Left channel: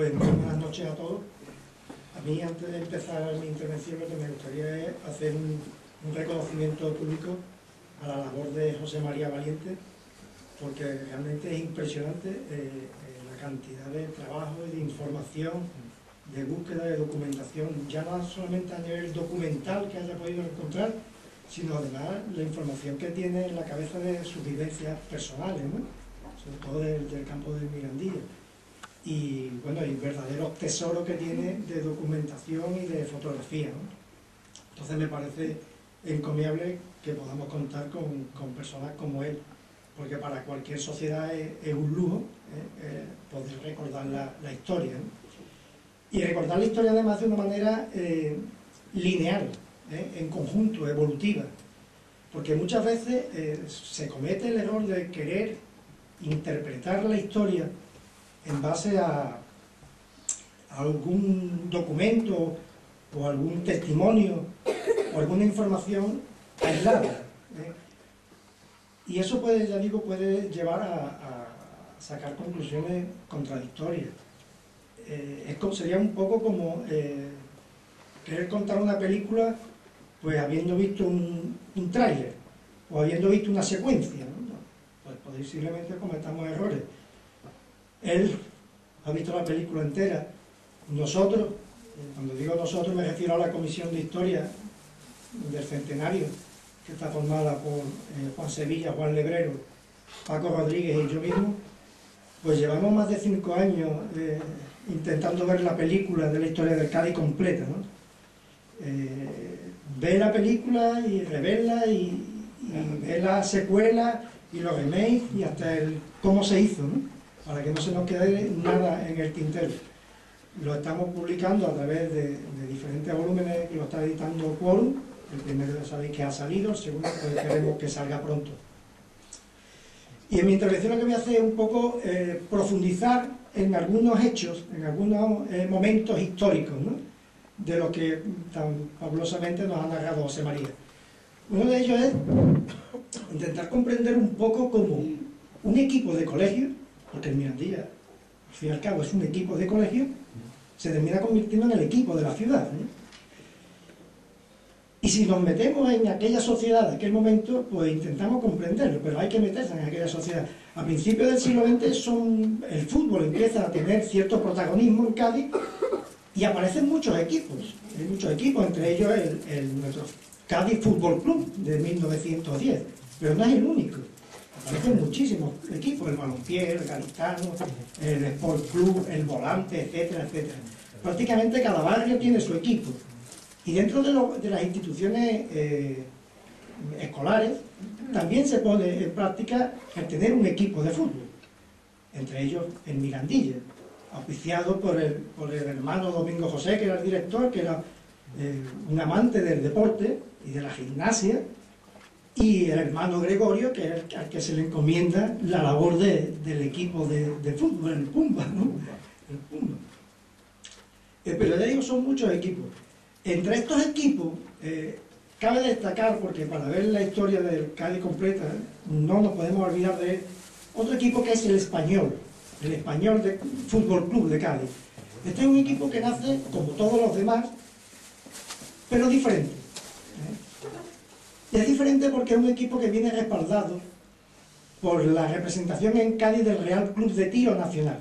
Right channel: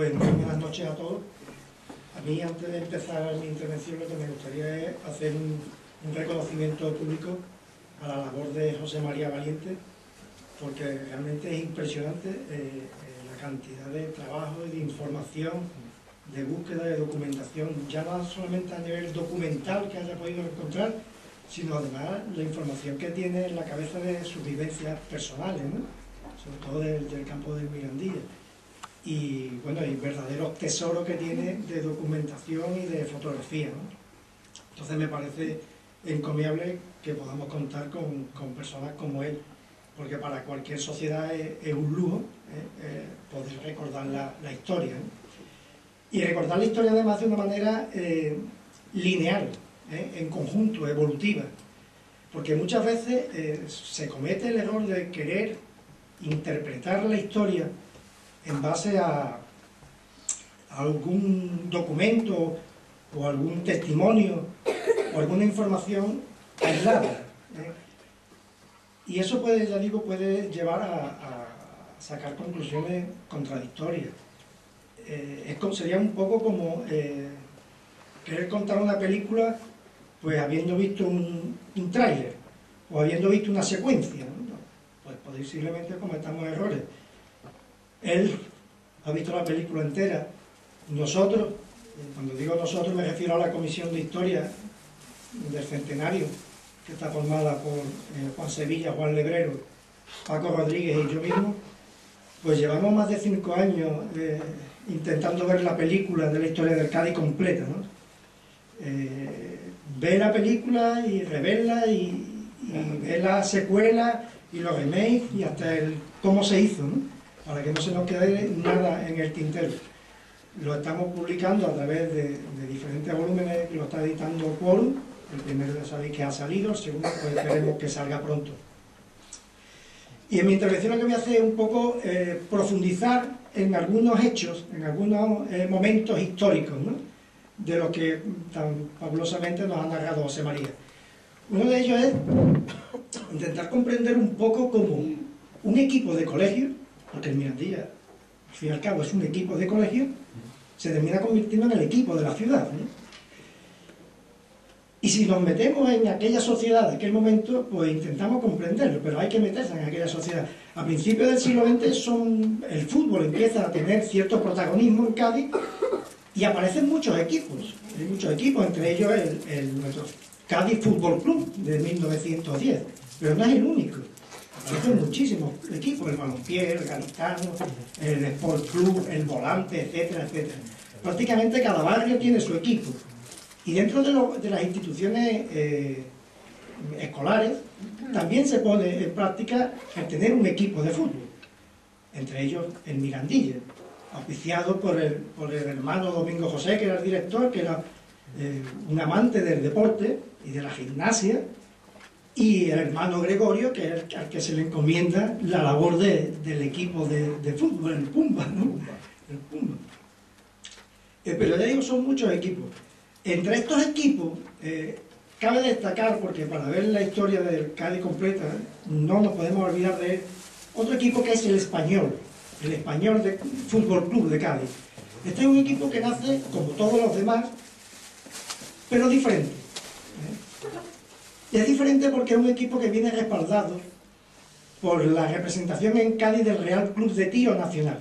Pues muy buenas noches a todos. A mí, antes de empezar mi intervención, lo que me gustaría es hacer un reconocimiento público a la labor de José María Valiente, porque realmente es impresionante la cantidad de trabajo y de información, de búsqueda, de documentación, ya no solamente a nivel documental que haya podido encontrar, sino además la información que tiene en la cabeza de sus vivencias personales, ¿no? Sobre todo del campo del Mirandilla. Y bueno, y verdaderos tesoros que tiene de documentación y de fotografía, ¿no? Entonces me parece encomiable que podamos contar con personas como él, porque para cualquier sociedad es un lujo poder recordar la historia, ¿no? Y recordar la historia además de una manera lineal, en conjunto, evolutiva, porque muchas veces se comete el error de querer interpretar la historia en base a algún documento o algún testimonio o alguna información aislada, y eso puede, ya digo, puede llevar a sacar conclusiones contradictorias. Sería un poco como querer contar una película pues habiendo visto un tráiler o habiendo visto una secuencia, ¿no? Pues posiblemente cometamos errores. Él ha visto la película entera. Nosotros, cuando digo nosotros me refiero a la Comisión de Historia del Centenario, que está formada por Juan Sevilla, Juan Lebrero, Paco Rodríguez y yo mismo, pues llevamos más de 5 años intentando ver la película de la historia del Cádiz completa, ¿no? Ver la película y reverla y ver la secuela y los remakes y hasta el cómo se hizo, ¿no? Para que no se nos quede nada en el tintero. Lo estamos publicando a través de diferentes volúmenes que lo está editando Quorum. El primero ya sabéis que ha salido, el segundo pues esperemos que salga pronto. Y en mi intervención lo que voy a hacer es un poco profundizar en algunos hechos, en algunos momentos históricos, ¿no? De lo que tan fabulosamente nos ha narrado José María. Uno de ellos es intentar comprender un poco cómo un equipo de colegio, porque el Mirandilla, al fin y al cabo, es un equipo de colegio, se termina convirtiendo en el equipo de la ciudad, ¿no? Y si nos metemos en aquella sociedad de aquel momento, pues intentamos comprenderlo, pero hay que meterse en aquella sociedad. A principios del siglo XX el fútbol empieza a tener cierto protagonismo en Cádiz y aparecen muchos equipos. Hay muchos equipos, entre ellos nuestro Cádiz Fútbol Club de 1910, pero no es el único. Aparecen muchísimos equipos, el Balompié, el Gaditano, el Sport Club, el Volante, etcétera, etcétera. Prácticamente cada barrio tiene su equipo. Y dentro de las instituciones escolares también se pone en práctica el tener un equipo de fútbol, entre ellos el Mirandilla, auspiciado por el hermano Domingo José, que era el director, que era un amante del deporte y de la gimnasia, y el hermano Gregorio, que es al que se le encomienda la labor del equipo de fútbol, el Pumba, ¿no? El Pumba. Pero ya digo, son muchos equipos. Entre estos equipos, cabe destacar, porque para ver la historia del Cádiz completa, no nos podemos olvidar de otro equipo que es el Español de Fútbol Club de Cádiz. Este es un equipo que nace, como todos los demás, pero diferente. Y es diferente porque es un equipo que viene respaldado por la representación en Cádiz del Real Club de Tiro Nacional.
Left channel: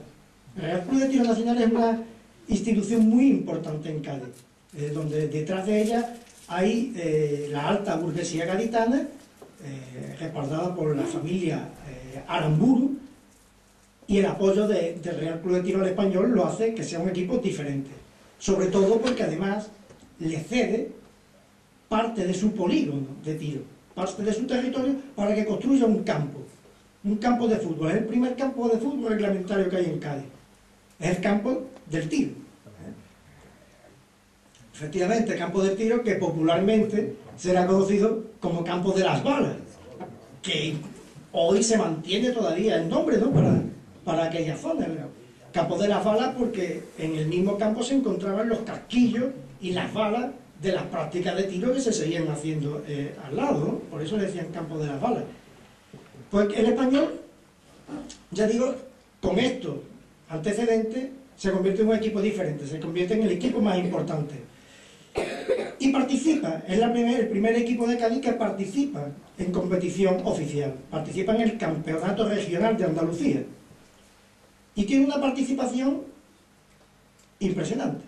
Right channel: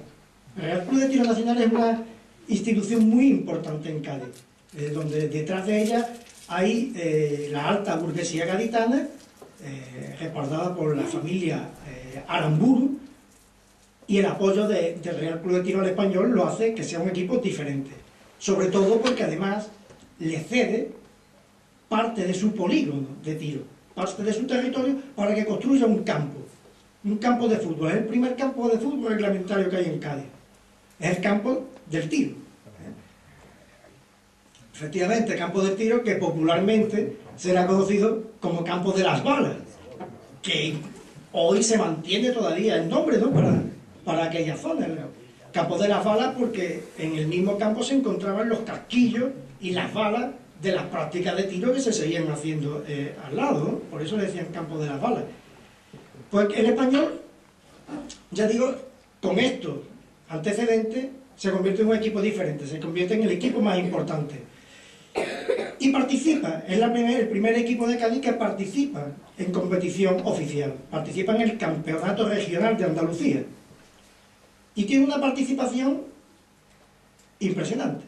El Real Club de Tiro Nacional es una institución muy importante en Cádiz, donde detrás de ella hay la alta burguesía gaditana, respaldada por la familia Aramburu, y el apoyo del Real Club de Tiro al Español lo hace que sea un equipo diferente, sobre todo porque además le cede parte de su polígono de tiro, parte de su territorio, para que construya un campo de fútbol. Es el primer campo de fútbol reglamentario que hay en Cádiz, es el campo del tiro. Efectivamente, campo de tiro que popularmente será conocido como campo de las balas, que hoy se mantiene todavía el nombre, ¿no? para aquella zona. Campo de las balas porque en el mismo campo se encontraban los casquillos y las balas de las prácticas de tiro que se seguían haciendo al lado, ¿no? Por eso le decían campo de las balas. Pues el Español, ya digo, con estos antecedentes, se convierte en un equipo diferente, se convierte en el equipo más importante. Y participa, es el primer equipo de Cádiz que participa en competición oficial, participa en el Campeonato Regional de Andalucía. Y tiene una participación impresionante,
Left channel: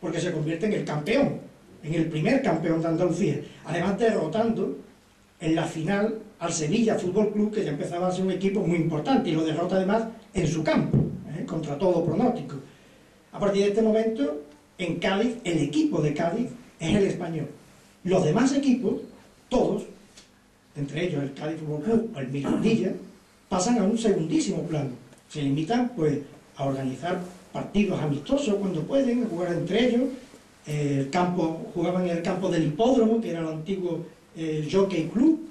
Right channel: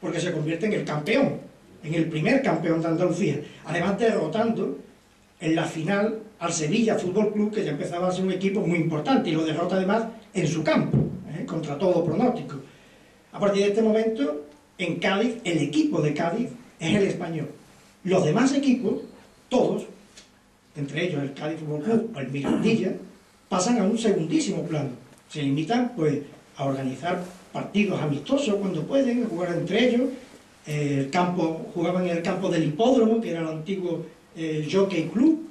porque se convierte en el campeón, en el primer campeón de Andalucía, además derrotando en la final al Sevilla Fútbol Club, que ya empezaba a ser un equipo muy importante, y lo derrota además en su campo, contra todo pronóstico. A partir de este momento, en Cádiz, el equipo de Cádiz es el Español. Los demás equipos, todos, entre ellos el Cádiz Fútbol Club o el Mirandilla, pasan a un segundísimo plano. Se limitan pues a organizar partidos amistosos cuando pueden, a jugar entre ellos. Jugaban en el campo del hipódromo, que era el antiguo Jockey Club,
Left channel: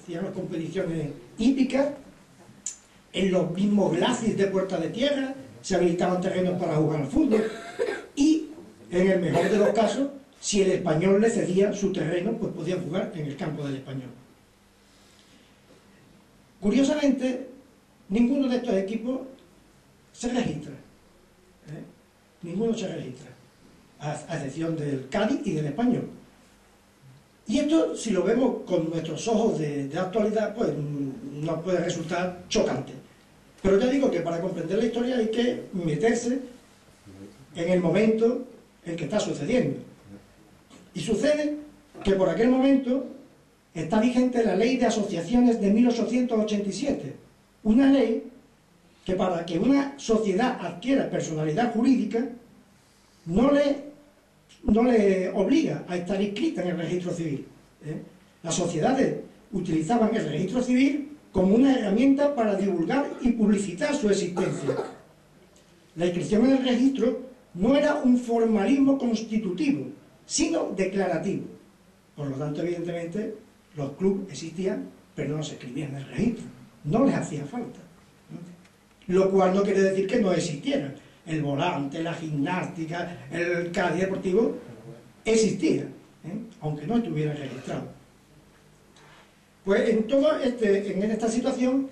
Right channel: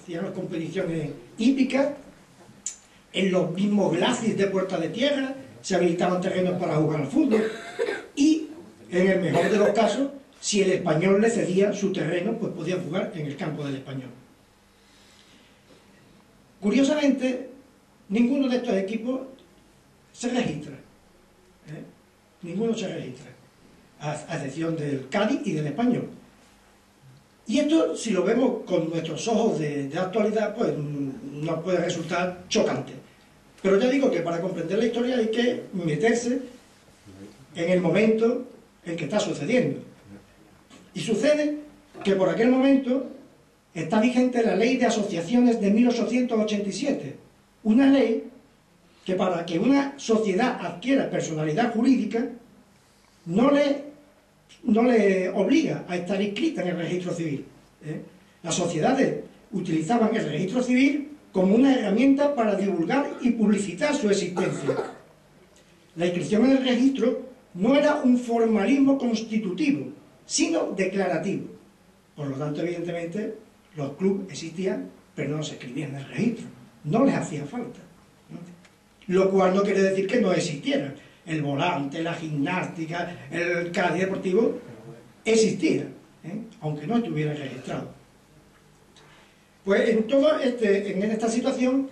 hacían las competiciones hípicas. En los mismos glacis de Puerta de Tierra se habilitaban terrenos para jugar al fútbol, y en el mejor de los casos, si el Español le cedía su terreno, pues podían jugar en el campo del Español. Curiosamente, ninguno de estos equipos se registra, ninguno se registra, a excepción del Cádiz y del Español. Y esto, si lo vemos con nuestros ojos de actualidad, pues nos puede resultar chocante. Pero ya digo que para comprender la historia hay que meterse en el momento en que está sucediendo. Y sucede que por aquel momento está vigente la Ley de Asociaciones de 1887, una ley que para que una sociedad adquiera personalidad jurídica no le obliga a estar inscrita en el registro civil. Las sociedades utilizaban el registro civil como una herramienta para divulgar y publicitar su existencia. La inscripción en el registro no era un formalismo constitutivo, sino declarativo. Por lo tanto, evidentemente, los clubes existían, pero no se escribían en el registro. No les hacía falta. Lo cual no quiere decir que no existieran. El Volante, la Gimnástica, el Cádiz Deportivo, existía, aunque no estuviera registrado. Pues en esta situación,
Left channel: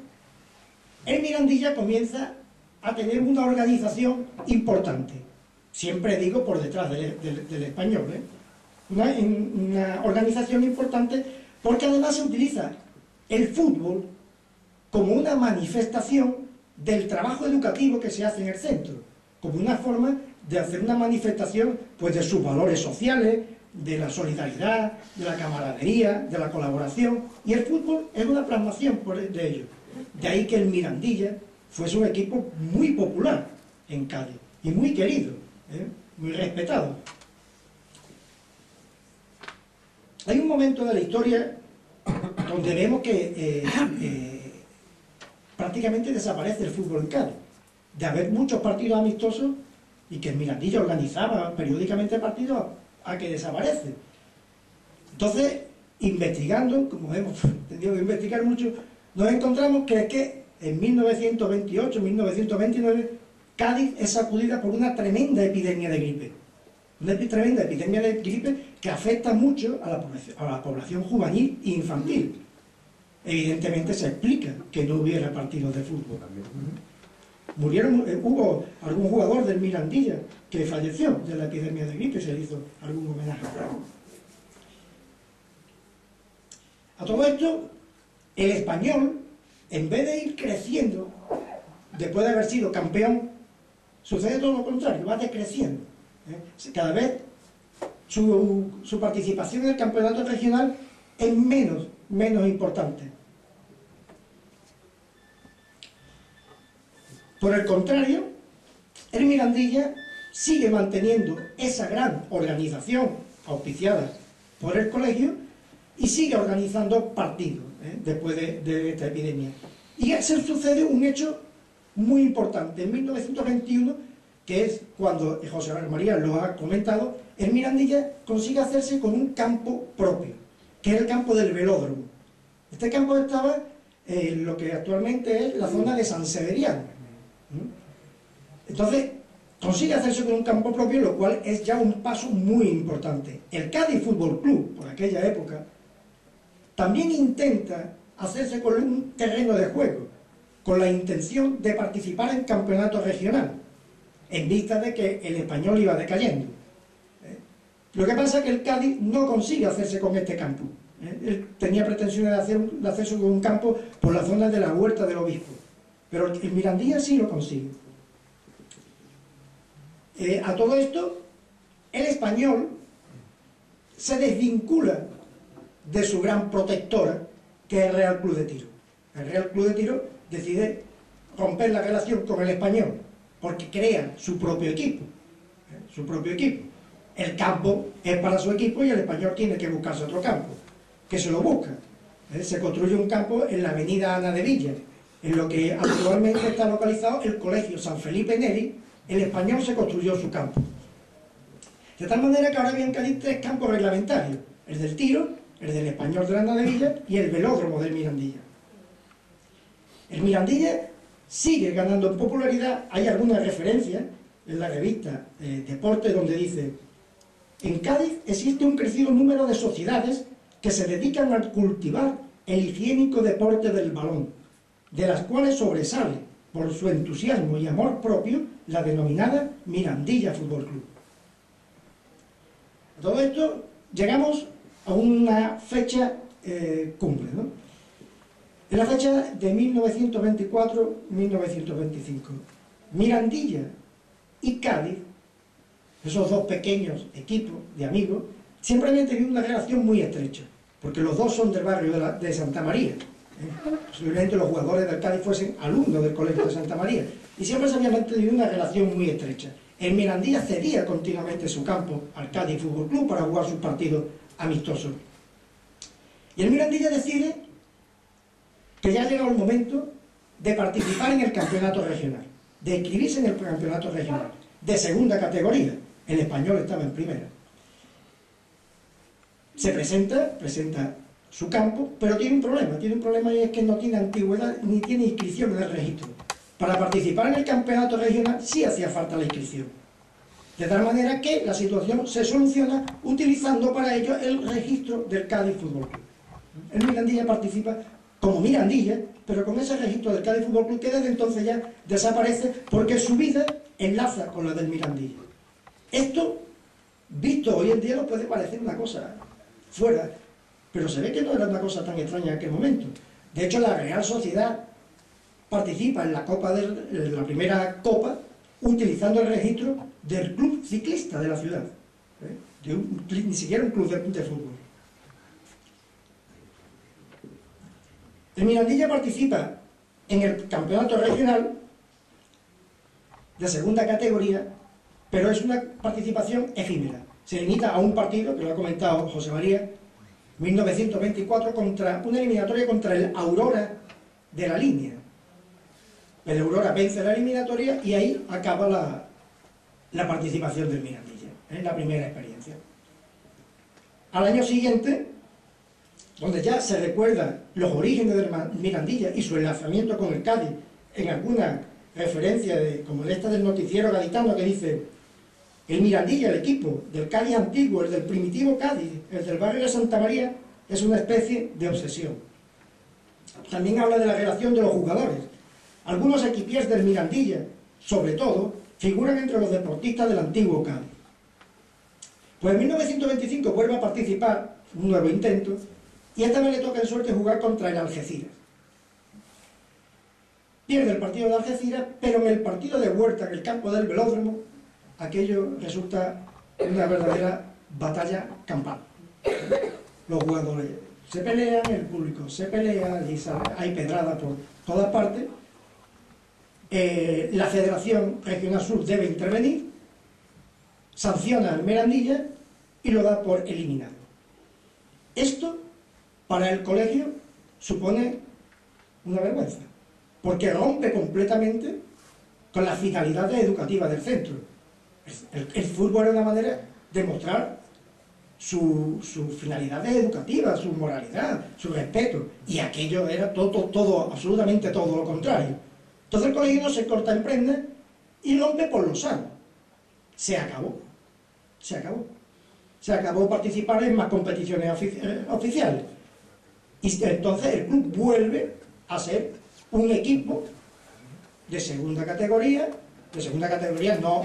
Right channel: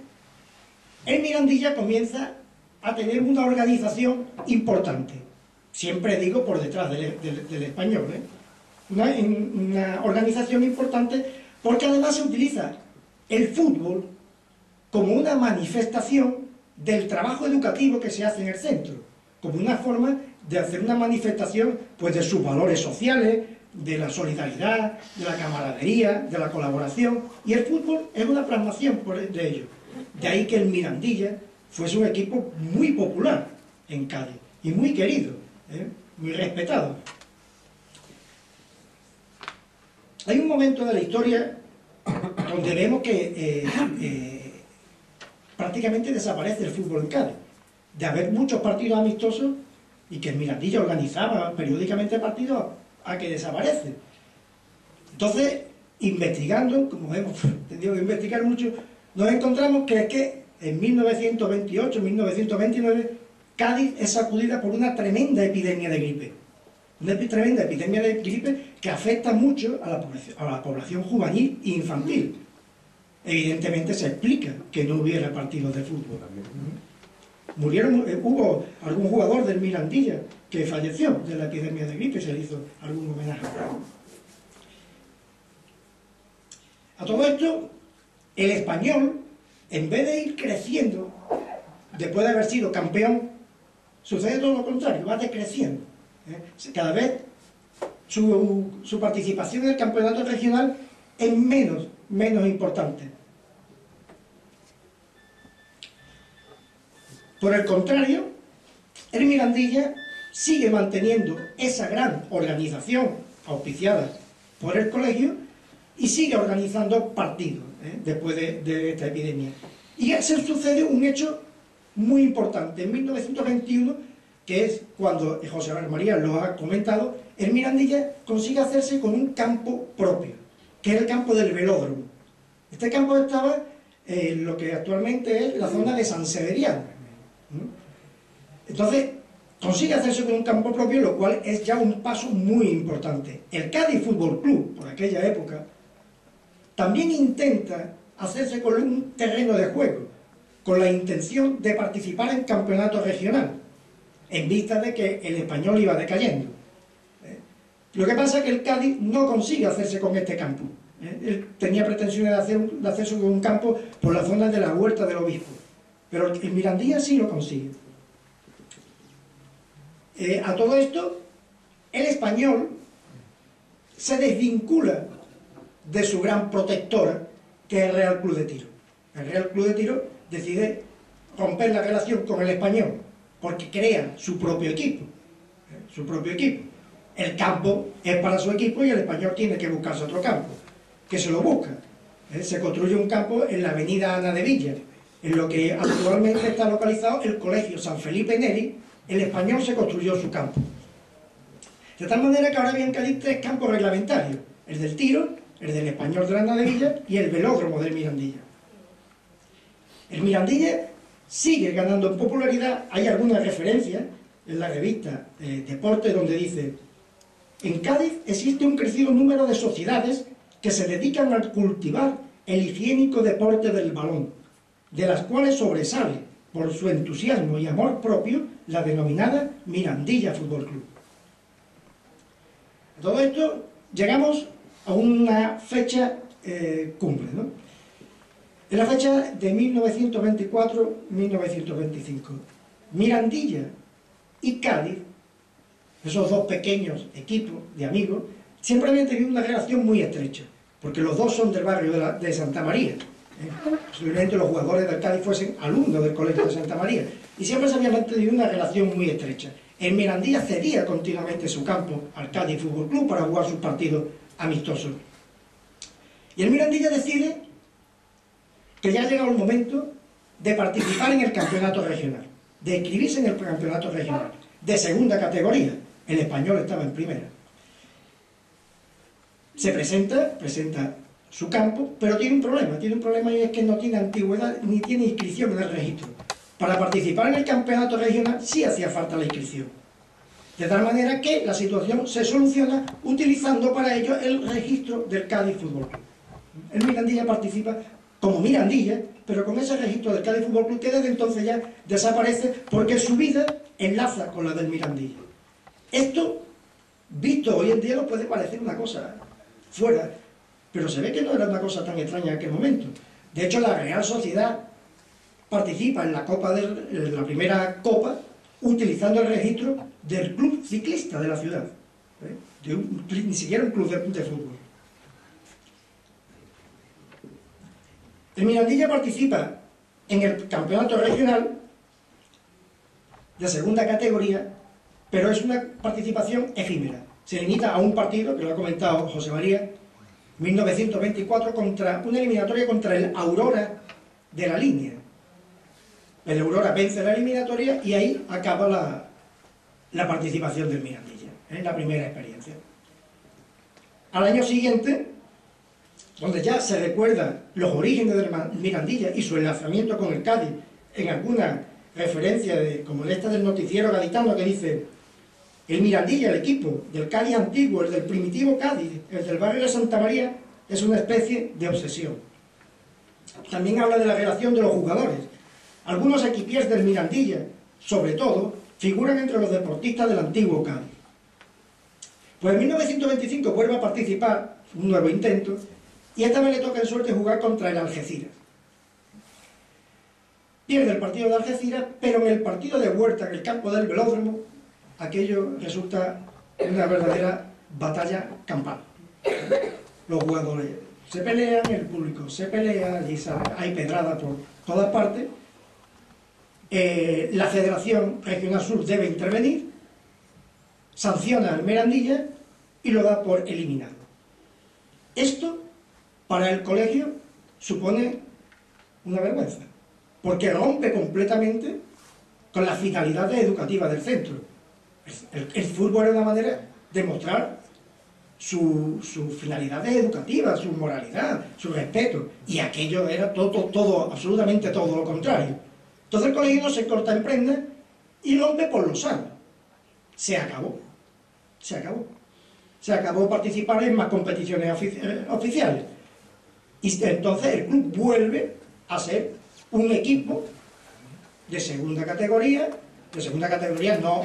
el Mirandilla comienza a tener una organización importante. Siempre digo por detrás del Español, una organización importante, porque además se utiliza el fútbol como una manifestación del trabajo educativo que se hace en el centro, como una forma de hacer una manifestación pues de sus valores sociales, de la solidaridad, de la camaradería, de la colaboración, y el fútbol es una plasmación de ello. De ahí que el Mirandilla fuese un equipo muy popular en Cádiz y muy querido, muy respetado. Hay un momento de la historia donde vemos que prácticamente desaparece el fútbol en Cádiz, de haber muchos partidos amistosos y que el Mirandilla organizaba periódicamente partidos, a que desaparece. Entonces, investigando, como hemos tenido que investigar mucho, nos encontramos que en 1928, 1929, Cádiz es sacudida por una tremenda epidemia de gripe. Una tremenda epidemia de gripe que afecta mucho a la población juvenil e infantil. Evidentemente se explica que no hubiera partidos de fútbol. Hubo algún jugador del Mirandilla que falleció de la epidemia de gripe, se le hizo algún homenaje. A todo esto, el Español, en vez de ir creciendo, después de haber sido campeón, sucede todo lo contrario, va decreciendo. Cada vez su participación en el campeonato regional es menos importante. Por el contrario, el Mirandilla sigue manteniendo esa gran organización auspiciada por el colegio y sigue organizando partidos después de esta epidemia. Y se sucede un hecho muy importante. En 1921, que es cuando José María lo ha comentado, el Mirandilla consigue hacerse con un campo propio, que es el campo del velódromo. Este campo estaba en lo que actualmente es la zona de San Severiano. Entonces, consigue hacerse con un campo propio, lo cual es ya un paso muy importante. El Cádiz Fútbol Club, por aquella época, también intenta hacerse con un terreno de juego, con la intención de participar en campeonato regional. en vista de que el Español iba decayendo. Lo que pasa es que el Cádiz no consigue hacerse con este campo. Él tenía pretensiones de hacerse con un campo por la zona de la Huerta del Obispo, pero el Mirandilla sí lo consigue. A todo esto, el Español se desvincula de su gran protectora, que es el Real Club de Tiro. El Real Club de Tiro decide romper la relación con el Español, porque crea su propio equipo. El campo es para su equipo y el Español tiene que buscarse otro campo, que se lo busca. Se construye un campo en la avenida Ana de Villa, en lo que actualmente está localizado el Colegio San Felipe Neri. El Español se construyó su campo. De tal manera que ahora había en Cádiz 3 campos reglamentarios: el del Tiro, el del Español de la Ana de Villa y el velódromo del Mirandilla. El Mirandilla sigue ganando en popularidad. Hay algunas referencias en la revista Deporte donde dice: en Cádiz existe un crecido número de sociedades que se dedican a cultivar el higiénico deporte del balón, de las cuales sobresale por su entusiasmo y amor propio la denominada Mirandilla Fútbol Club. A todo esto llegamos a una fecha cumbre, ¿no? En la fecha de 1924-1925, Mirandilla y Cádiz, esos dos pequeños equipos de amigos, siempre habían tenido una relación muy estrecha, porque los dos son del barrio de Santa María. Posiblemente los jugadores del Cádiz fuesen alumnos del Colegio de Santa María, y siempre se había mantenido una relación muy estrecha. El Mirandilla cedía continuamente su campo al Cádiz Fútbol Club para jugar sus partidos amistosos. Y el Mirandilla decide que ya ha llegado el momento de participar en el campeonato regional, de inscribirse en el campeonato regional, de segunda categoría. El Español estaba en primera. Se presenta su campo, pero tiene un problema y es que no tiene antigüedad ni tiene inscripción en el registro. Para participar en el campeonato regional sí hacía falta la inscripción. De tal manera que la situación se soluciona utilizando para ello el registro del Cádiz Fútbol Club. El Mirandilla participa como Mirandilla, pero con ese registro del Cádiz Fútbol Club que desde entonces ya desaparece porque su vida enlaza con la del Mirandilla. Esto, visto hoy en día, nos puede parecer una cosa fuera, pero se ve que no era una cosa tan extraña en aquel momento. De hecho, la Real Sociedad participa en la primera Copa utilizando el registro del club ciclista de la ciudad, ni siquiera un club de fútbol. El Mirandilla participa en el campeonato regional de segunda categoría, pero es una participación efímera. Se limita a un partido, que lo ha comentado José María, 1924, contra una eliminatoria contra el Aurora de la Línea. El Aurora vence la eliminatoria y ahí acaba la participación del Mirandilla, la primera experiencia. Al año siguiente, donde ya se recuerdan los orígenes del Mirandilla y su enlazamiento con el Cádiz, en alguna referencia como esta del noticiero gaditano que dice: el Mirandilla, el equipo del Cádiz antiguo, el del primitivo Cádiz, el del barrio de Santa María, es una especie de obsesión. También habla de la relación de los jugadores. Algunos equipiers del Mirandilla, sobre todo, figuran entre los deportistas del antiguo Cádiz. Pues en 1925 vuelve a participar, un nuevo intento, y esta vez le toca en suerte jugar contra el Algeciras. Pierde el partido de Algeciras, pero en el partido de Huerta, en el campo del velódromo, aquello resulta una verdadera batalla campal. Los jugadores se pelean, el público se pelea, y hay pedrada por todas partes. La Federación Regional Sur debe intervenir, sanciona al Mirandilla y lo da por eliminado. Esto, para el colegio, supone una vergüenza, porque rompe completamente con las finalidades educativas del centro. El fútbol era una manera de mostrar sus finalidades educativas, su moralidad, su respeto, y aquello era todo, absolutamente todo lo contrario. Entonces el colegio no se corta en prenda y rompe por lo sano. Se acabó participar en más competiciones oficiales. Y entonces el club vuelve a ser un equipo de segunda categoría, de segunda categoría no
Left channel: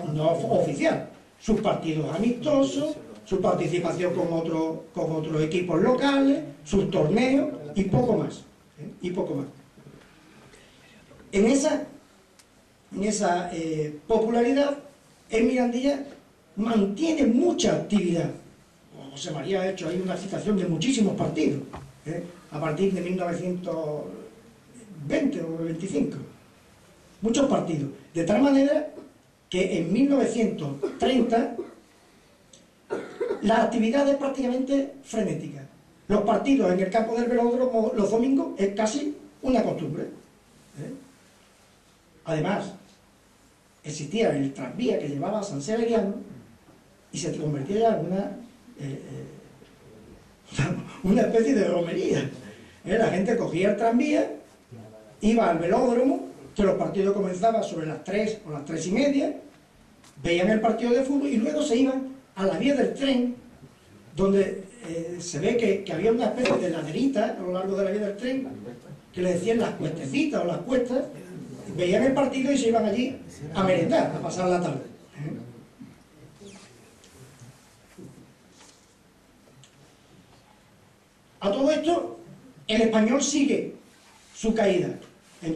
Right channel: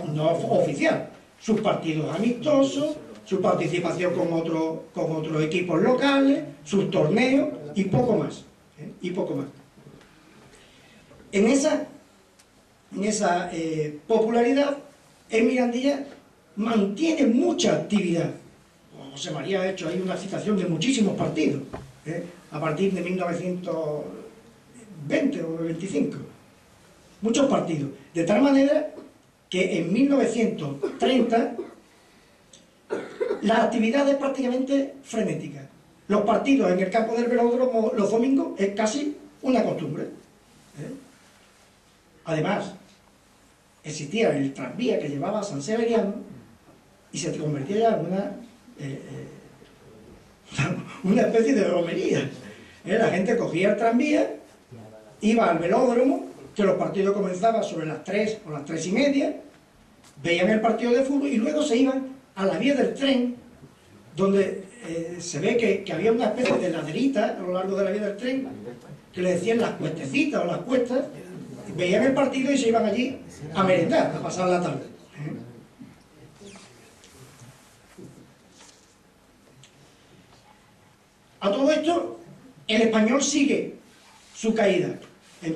oficial, sus partidos amistosos, su participación con otros equipos locales, sus torneos y poco más. Y poco más. En esa popularidad, el Mirandilla mantiene mucha actividad. José María ha hecho ahí una citación de muchísimos partidos, a partir de 1920 o 25. Muchos partidos. De tal manera que en 1930 la actividad es prácticamente frenética. Los partidos en el campo del velódromo los domingos es casi una costumbre. Además, existía el tranvía que llevaba a San Severiano y se convertía ya en una especie de romería. La gente cogía el tranvía, iba al velódromo, que los partidos comenzaban sobre las 3 o las 3:30, veían el partido de fútbol y luego se iban a la vía del tren, donde se ve que había una especie de laderita a lo largo de la vía del tren, que le decían las cuestecitas o las cuestas, veían el partido y se iban allí a merendar, a pasar la tarde. A todo esto, el Español sigue su caída en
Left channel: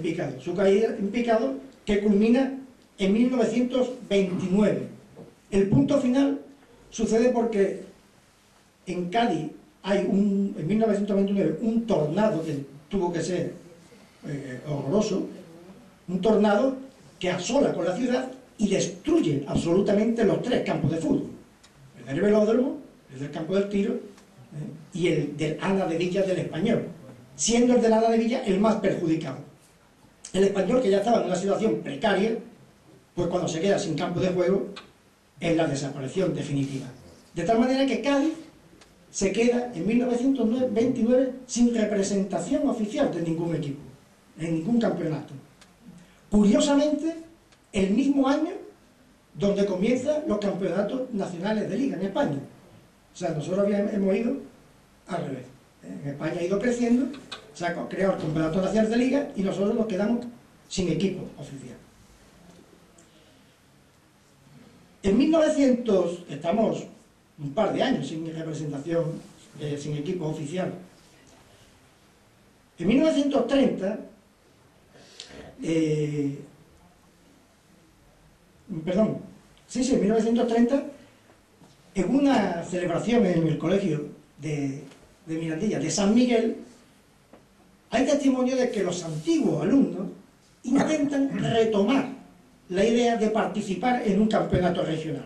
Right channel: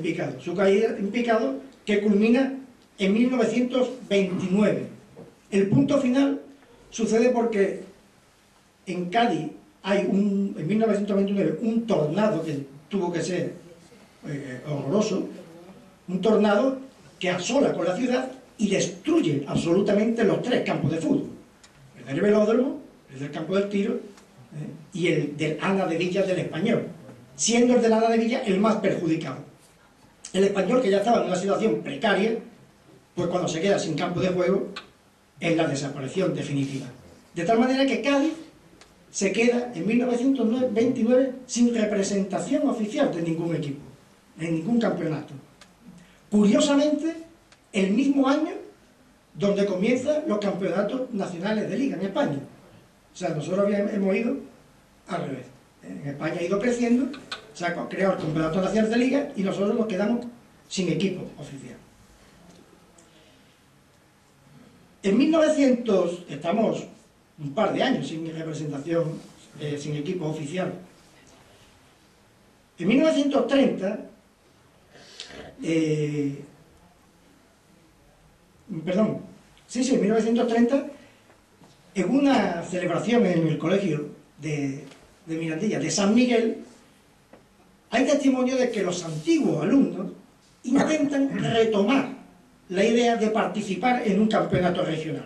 picado, que culmina en 1929. El punto final sucede porque en Cádiz hay en 1929 un tornado que tuvo que ser horroroso, un tornado que asola con la ciudad y destruye absolutamente los 3 campos de fútbol: el del velódromo, el del campo del Tiro y el del Ana de Villa del Español, siendo el del Ana de Villa el más perjudicado. El Español, que ya estaba en una situación precaria, pues cuando se queda sin campo de juego es la desaparición definitiva. De tal manera que Cádiz se queda en 1929 sin representación oficial de ningún equipo, en ningún campeonato. Curiosamente, el mismo año donde comienzan los campeonatos nacionales de liga en España. O sea, nosotros hemos ido al revés. En España ha ido creciendo, se ha creado el campeonato nacional de liga y nosotros nos quedamos sin equipo oficial. En 1900, estamos un par de años sin representación, sin equipo oficial. En 1930, en 1930, en una celebración en el colegio de Mirandilla, de San Miguel, hay testimonio de que los antiguos alumnos intentan retomar la idea de participar en un campeonato regional.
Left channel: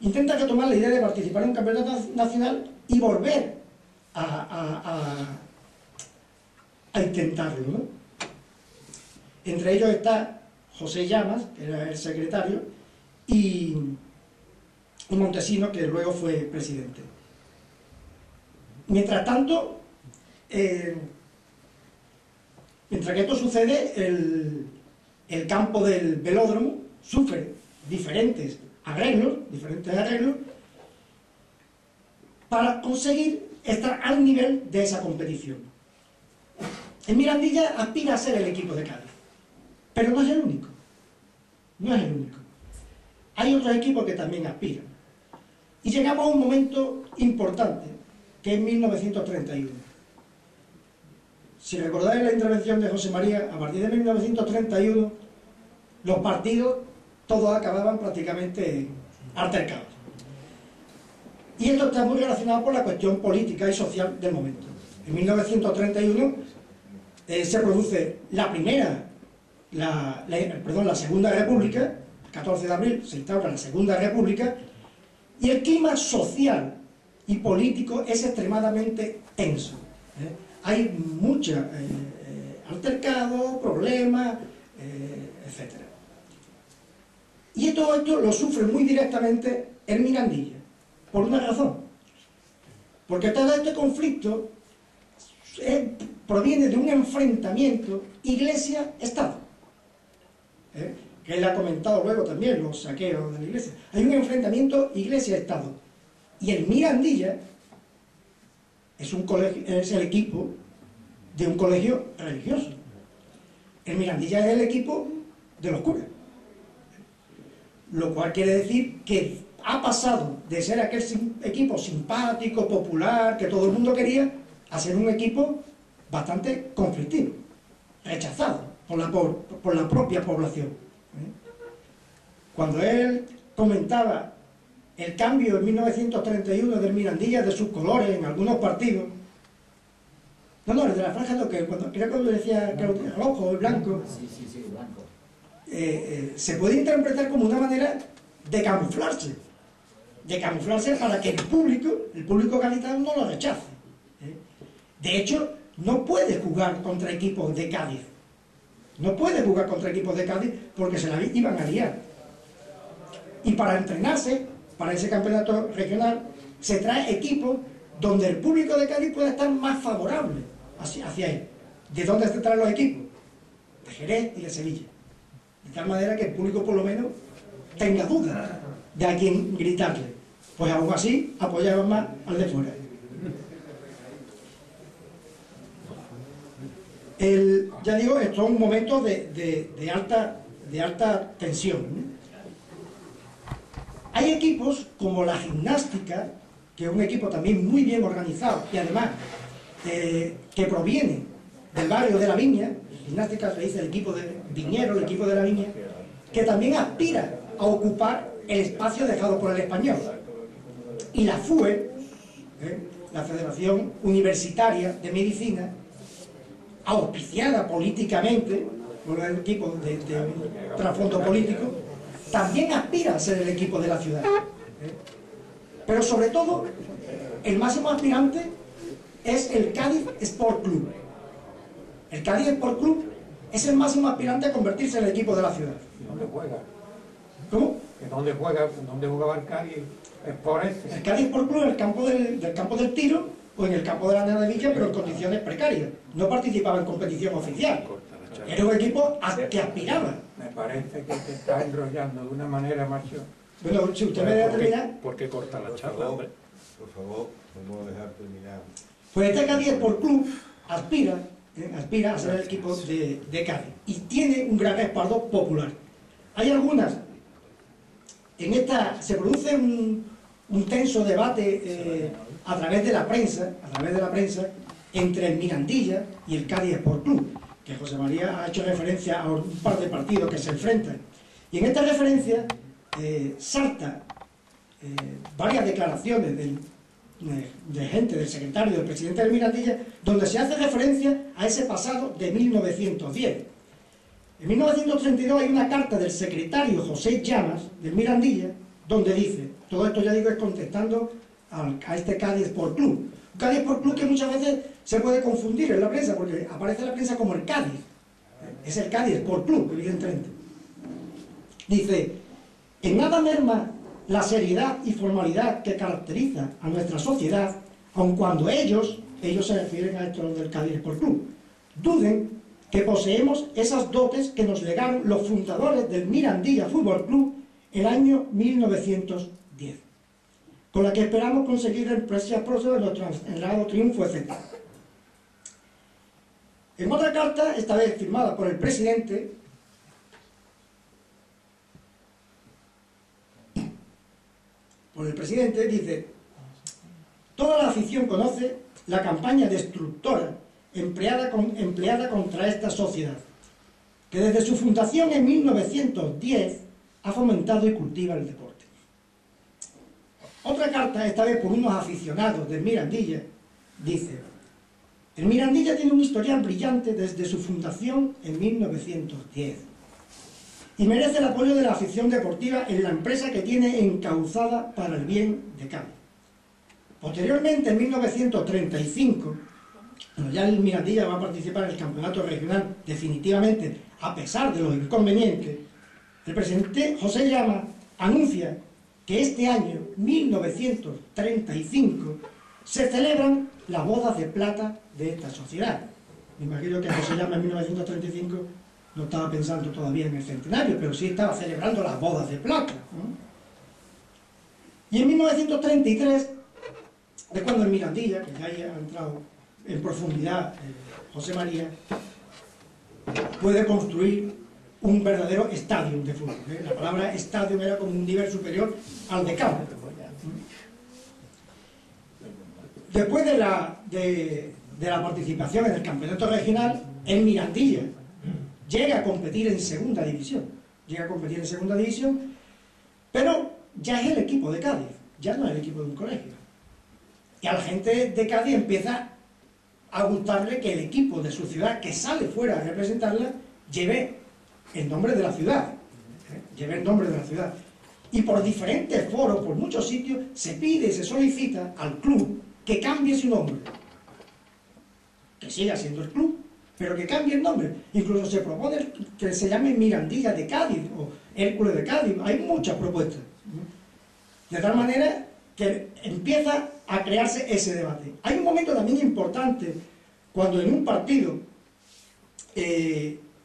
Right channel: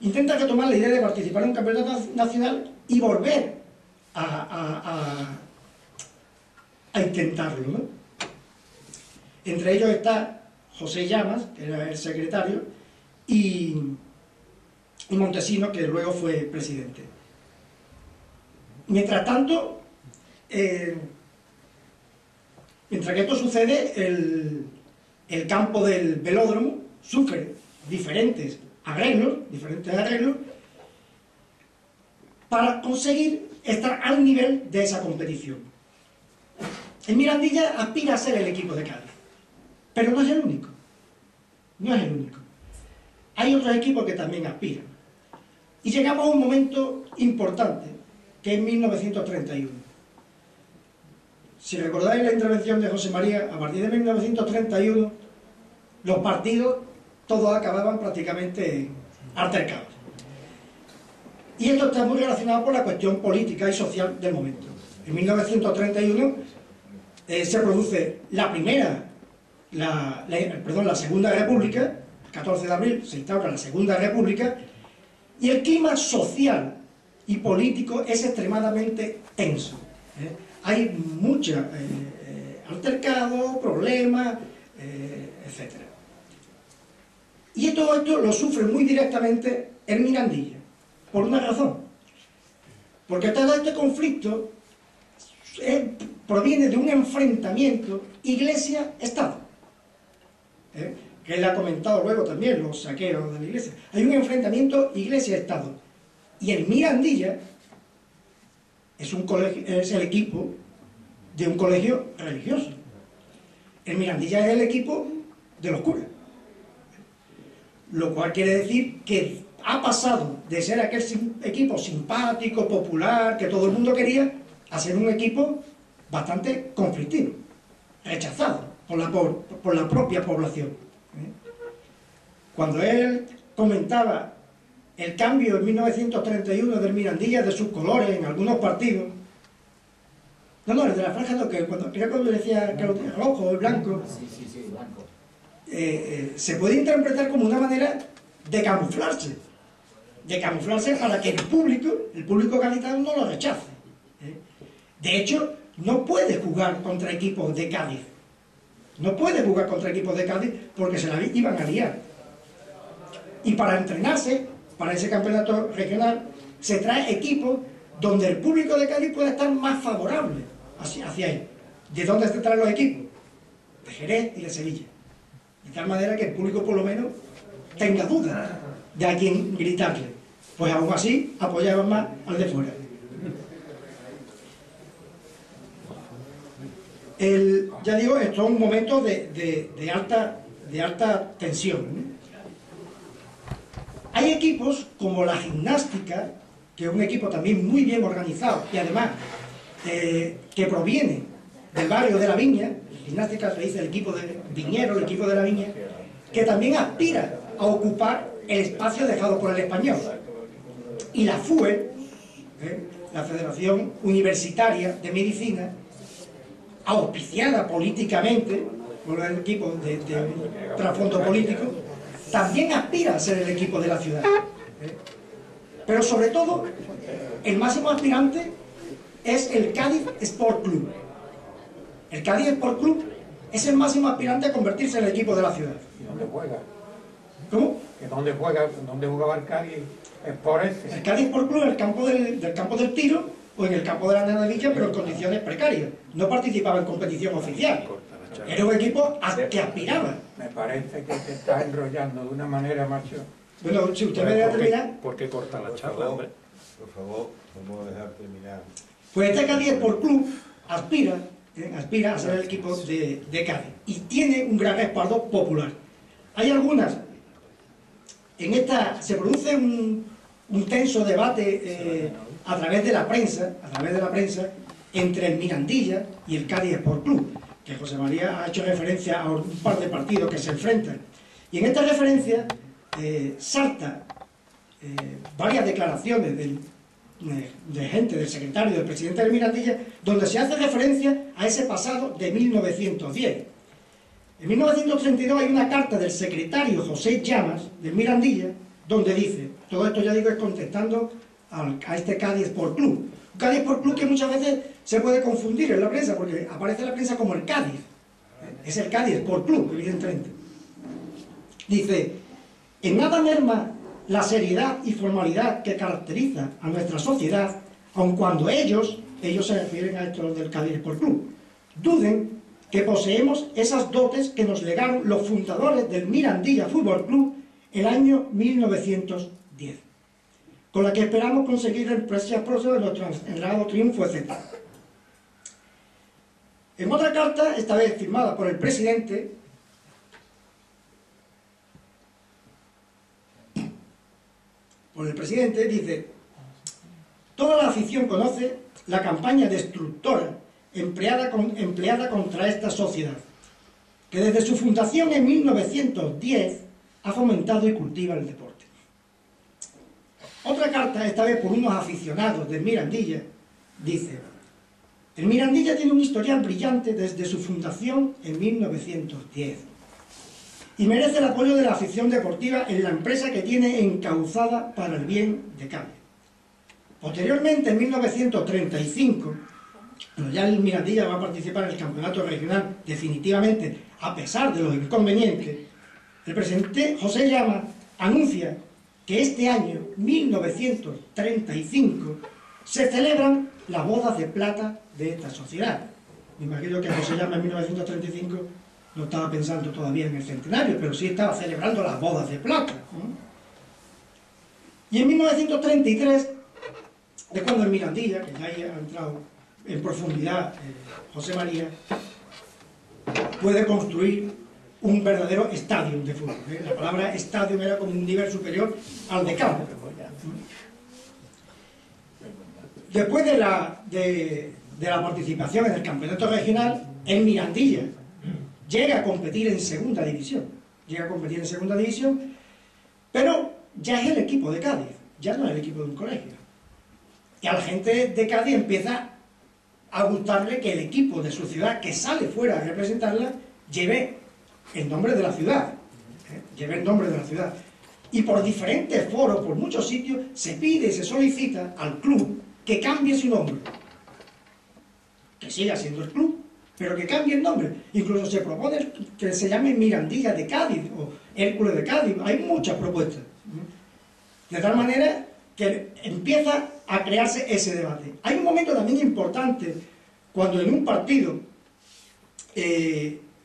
Intentan retomar la idea de participar en un campeonato nacional y volver a intentarlo, ¿no? Entre ellos está José Llamas, que era el secretario, y Montesino, que luego fue presidente. Mientras tanto, mientras que esto sucede, el campo del velódromo sufre diferentes arreglos para conseguir estar al nivel de esa competición. El Mirandilla aspira a ser el equipo de Cádiz, pero no es el único. No es el único. Hay otros equipos que también aspiran. Y llegamos a un momento importante, que es 1931. Si recordáis la intervención de José María, a partir de 1931, los partidos todos acababan prácticamente altercados. Y esto está muy relacionado con la cuestión política y social del momento. En 1931 se produce la Segunda República, el 14 de abril se instaura la Segunda República, y el clima social y político es extremadamente tenso. Hay muchos altercados, problemas, etc. Y todo esto lo sufre muy directamente el Mirandilla, por una razón. Porque todo este conflicto proviene de un enfrentamiento Iglesia-Estado, que él ha comentado luego también, los saqueos de la Iglesia. Hay un enfrentamiento Iglesia-Estado. Y el Mirandilla es el equipo de un colegio religioso. El Mirandilla es el equipo de los curas. Lo cual quiere decir que ha pasado de ser aquel equipo simpático, popular, que todo el mundo quería, a ser un equipo bastante conflictivo, rechazado por la propia población. Cuando él comentaba el cambio en 1931 del Mirandilla, de sus colores en algunos partidos, no, el de la franja no, que cuando decía que el rojo o el blanco, sí, blanco. Se puede interpretar como una manera de camuflarse para que el público gaditano no lo rechace. De hecho, no puede jugar contra equipos de Cádiz. No puede jugar contra equipos de Cádiz porque se la iban a liar. Y para entrenarse, para ese campeonato regional, se trae equipos donde el público de Cádiz pueda estar más favorable hacia él. ¿De dónde se traen los equipos? De Jerez y de Sevilla. De tal manera que el público por lo menos tenga dudas de a quién gritarle. Pues aún así apoyaban más al de fuera. Ya digo, esto es un momento de alta tensión, ¿no? Hay equipos como la Gimnástica, que es un equipo también muy bien organizado y además que proviene del barrio de La Viña. Gimnástica se dice el equipo de Viñero, el equipo de La Viña, que también aspira a ocupar el espacio dejado por el Español. Y la FUE, la Federación Universitaria de Medicina, auspiciada políticamente por el equipo de trasfondo político, también aspira a ser el equipo de la ciudad. Pero sobre todo, el máximo aspirante es el Cádiz Sport Club. El Cádiz Sport Club es el máximo aspirante a convertirse en el equipo de la ciudad. ¿Y dónde juega? ¿Cómo? ¿Dónde jugaba el Cádiz Sport ese? El Cádiz Sport Club en el campo del campo del Tiro o en el campo de la Nenadilla, pero en condiciones precarias. No participaba en competición oficial. Era un equipo que aspiraba. Me parece que te estás enrollando de una manera, macho. Bueno, si usted me deja terminar... ¿Por qué corta la charla, hombre? Por favor, vamos a dejar terminar. Pues este Cádiz Sport Club aspira a ser el equipo de Cádiz y tiene un gran respaldo popular. Hay algunas... se produce un tenso debate a través de la prensa, entre el Mirandilla y el Cádiz Sport Club, que José María ha hecho referencia a un par de partidos que se enfrentan. Y en esta referencia salta varias declaraciones de gente, del secretario, del presidente del Mirandilla, donde se hace referencia a ese pasado de 1910. En 1932 hay una carta del secretario José Llamas, del Mirandilla, donde dice, todo esto ya digo es contestando a este Cádiz Sport Club. Un Cádiz Sport Club que muchas veces se puede confundir en la prensa, porque aparece en la prensa como el Cádiz. Es el Cádiz Sport Club, evidentemente. Dice, en nada merma la seriedad y formalidad que caracteriza a nuestra sociedad, aun cuando ellos se refieren a esto del Cádiz Sport Club, duden que poseemos esas dotes que nos legaron los fundadores del Mirandilla Fútbol Club el año 1910, con la que esperamos conseguir el próximo de nuestro anhelado triunfo, etc. En otra carta, esta vez firmada por el presidente, dice: toda la afición conoce la campaña destructora empleada contra esta sociedad, que desde su fundación en 1910 ha fomentado y cultiva el deporte. Otra carta, esta vez por unos aficionados del Mirandilla, dice: el Mirandilla tiene un historial brillante desde su fundación en 1910 y merece el apoyo de la afición deportiva en la empresa que tiene encauzada para el bien de Cádiz. Posteriormente, en 1935, cuando ya el Mirandilla va a participar en el campeonato regional definitivamente, a pesar de los inconvenientes, el presidente José Llama anuncia que este año, 1935, se celebran las bodas de plata de esta sociedad. Me imagino que José Llama en 1935 no estaba pensando todavía en el centenario, pero sí estaba celebrando las bodas de plata, ¿no? Y en 1933, es cuando el Mirandilla, que ya ha entrado en profundidad José María, puede construir un verdadero estadio de fútbol. La palabra estadio era como un nivel superior al de campo. Después de la participación en el campeonato regional, el Mirandilla llega a competir en segunda división. Pero ya es el equipo de Cádiz, ya no es el equipo de un colegio. Y a la gente de Cádiz empieza a gustarle que el equipo de su ciudad, que sale fuera a representarla, lleve el nombre de la ciudad. Y por diferentes foros, por muchos sitios, se pide, se solicita al club que cambie su nombre. Que siga siendo el club, pero que cambie el nombre. Incluso se propone que se llame Mirandilla de Cádiz o Hércules de Cádiz. Hay muchas propuestas. De tal manera que empieza a crearse ese debate. Hay un momento también importante cuando en un partido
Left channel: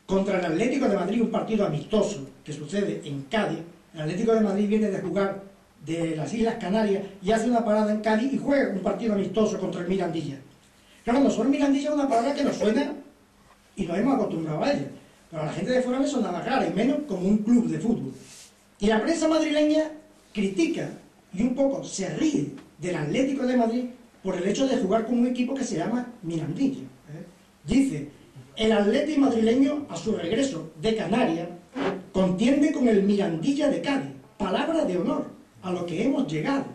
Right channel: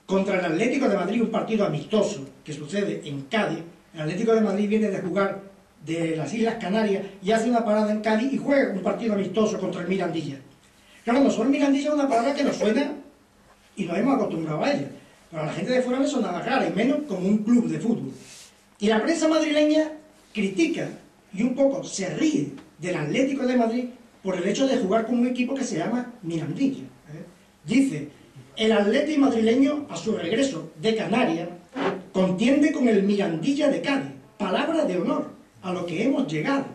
contra el Atlético de Madrid, un partido amistoso que sucede en Cádiz, el Atlético de Madrid viene de jugar de las Islas Canarias y hace una parada en Cádiz y juega un partido amistoso contra el Mirandilla. Claro, nosotros Mirandilla es una palabra que nos suena y nos hemos acostumbrado a ella, pero a la gente de fuera le sonaba rara, y menos como un club de fútbol. Y la prensa madrileña critica y un poco se ríe del Atlético de Madrid por el hecho de jugar con un equipo que se llama Mirandilla. Dice, el Atlético madrileño a su regreso de Canarias contiende con el Mirandilla de Cádiz, palabra de honor a lo que hemos llegado.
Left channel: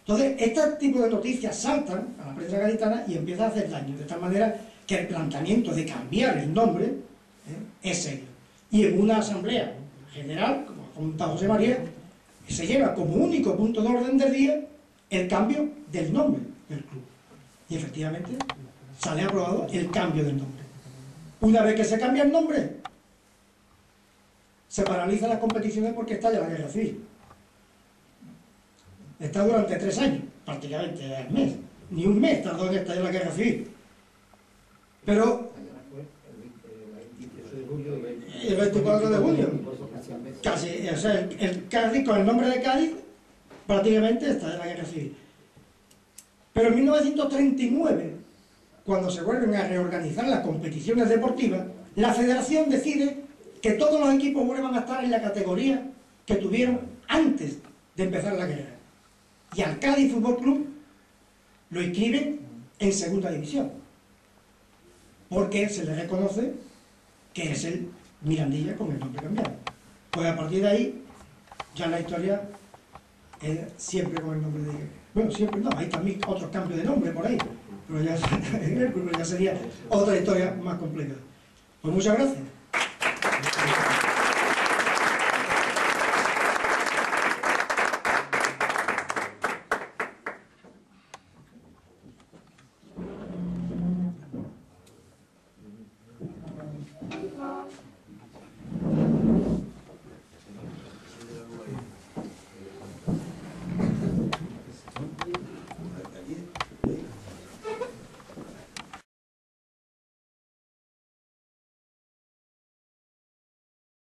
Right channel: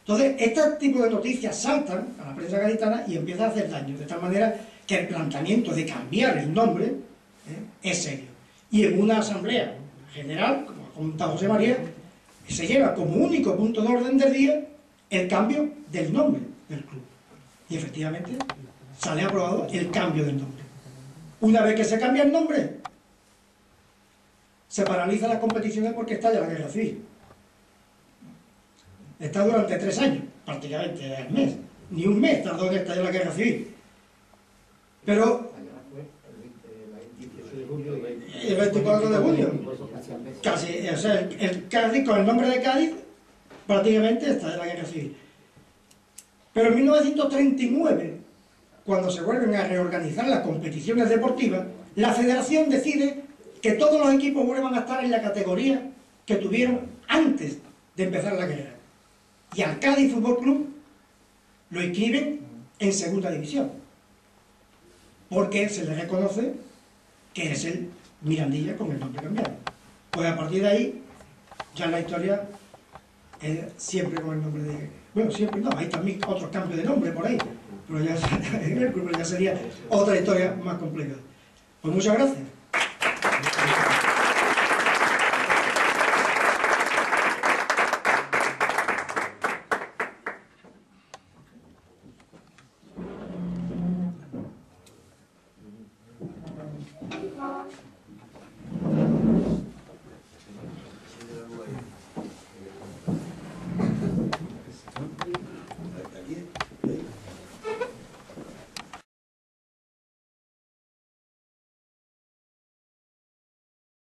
Entonces, este tipo de noticias saltan a la prensa gaditana y empiezan a hacer daño, de tal manera que el planteamiento de cambiar el nombre es serio. Y en una asamblea general, como ha comentado José María, se lleva como único punto de orden del día el cambio del nombre del club. Y efectivamente sale aprobado el cambio del nombre. Una vez que se cambia el nombre, se paralizan las competiciones porque estalla la guerra civil. Está durante 3 años, prácticamente al mes. Ni un mes tardó en estallar la guerra civil. Pero el 24 de junio, casi, o sea, el Cádiz, con el nombre de Cádiz, prácticamente está en la guerra civil. Pero en 1939, cuando se vuelven a reorganizar las competiciones deportivas, la federación decide que todos los equipos vuelvan a estar en la categoría que tuvieron antes de empezar la guerra. Y al Cádiz Fútbol Club lo inscriben en segunda división, porque se le reconoce que es el Mirandilla con el nombre cambiado. Pues a partir de ahí, ya la historia es siempre con el nombre de... Bueno, siempre no, hay también otros cambios de nombre por ahí, pero ya sería otra historia más compleja. Pues muchas gracias.